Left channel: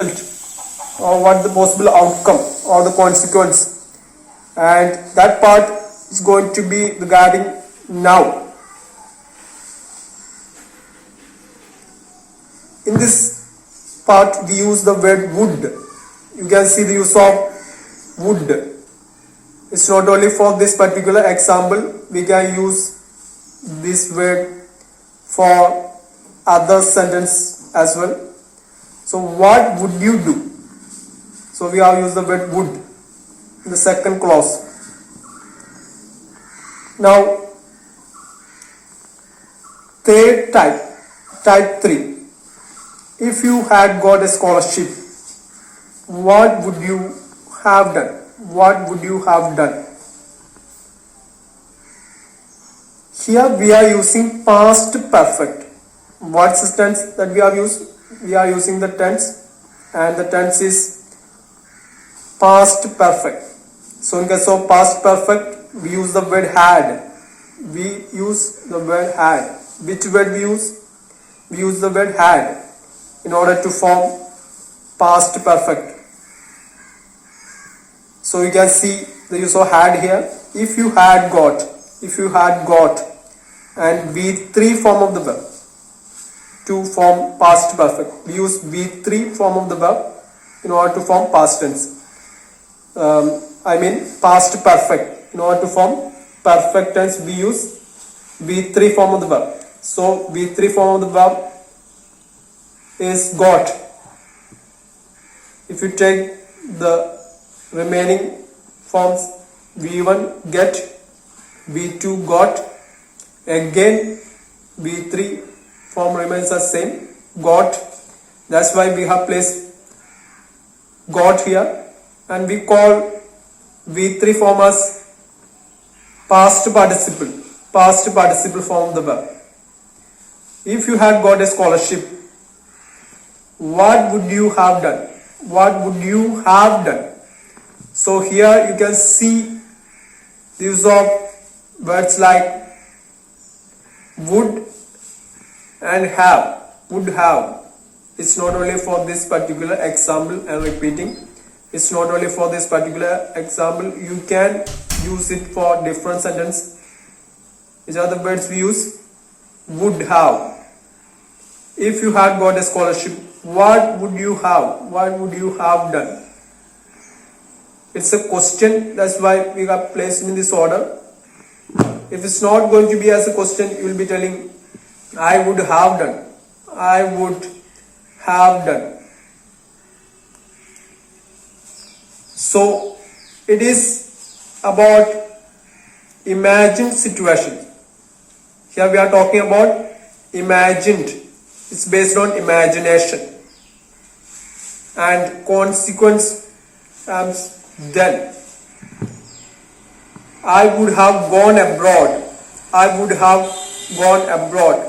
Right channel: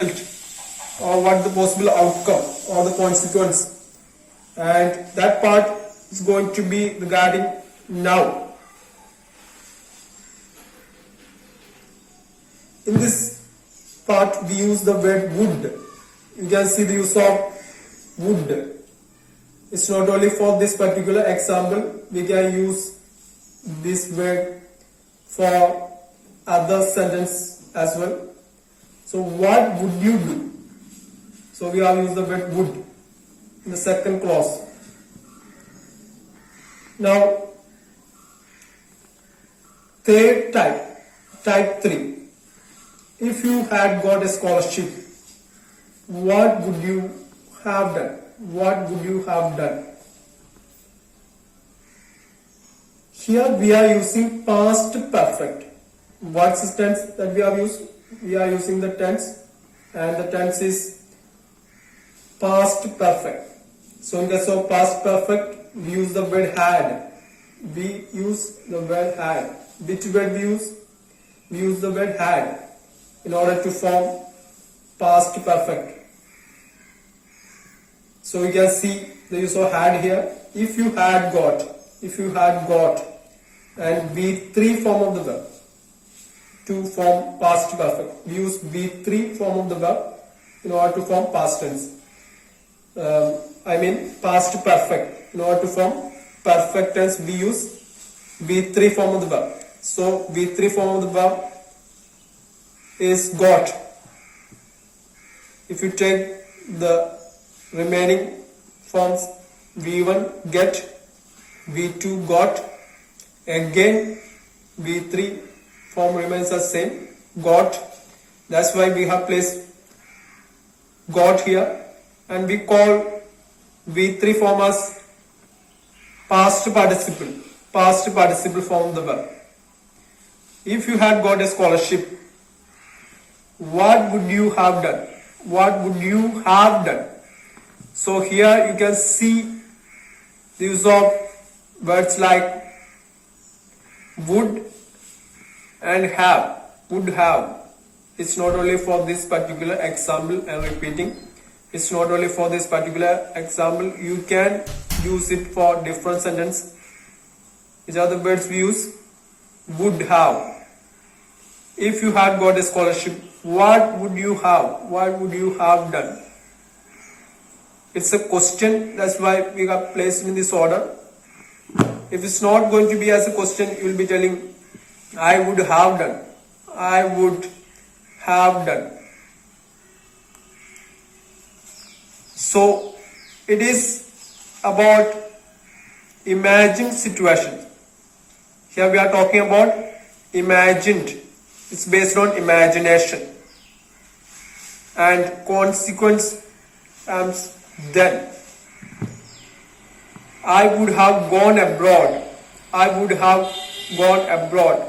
or what the possible outcome or the consequence, and that part is going to be regarding now. In this part we use the word would. You can see the use of would. It's not only for this particular example, we can use this word for other sentence as well. So what would you do? So we have used the word would in the second clause. Now third type 3. If you had got a scholarship, what would you have done? What would you have done? Here we are using past perfect. What's the tense that we have used? We are using the tense, and the tense is past perfect. So in case of past perfect, we use the word had. We use the word had. Which word we use? We use the word had in order to form past perfect. So you can see the use of had here. If you had got, and V3 form of the verb to form past perfect. We use V3 form of the verb in order to form past tense. Past perfect. In order to form perfect tense, we use V3 form of the verb. So V3 form of the verb is got. If you take the remaining forms, V1 get, V2 got, again V3 form remains the same, got. That's why we have placed got here, and we call V3 form as past participle form of the verb. If you had got a scholarship, what would you have done? What would you have done? So here you can see the use of words like would and have. Would have. It's not only for this particular example, I'm repeating. It's not only for this particular example. You can use it for different sentence. Which are the words we use? Would have. If you had got a scholarship, what would you have? What would you have done? It's a question, that's why we have placed in this order. If it's not going to be as a question, you will be telling, I would have done. I would have done. So, it is about imagined situation. Here we are talking about imagined. It's based on imagination. And consequence comes done. I would have gone abroad. I would have gone abroad.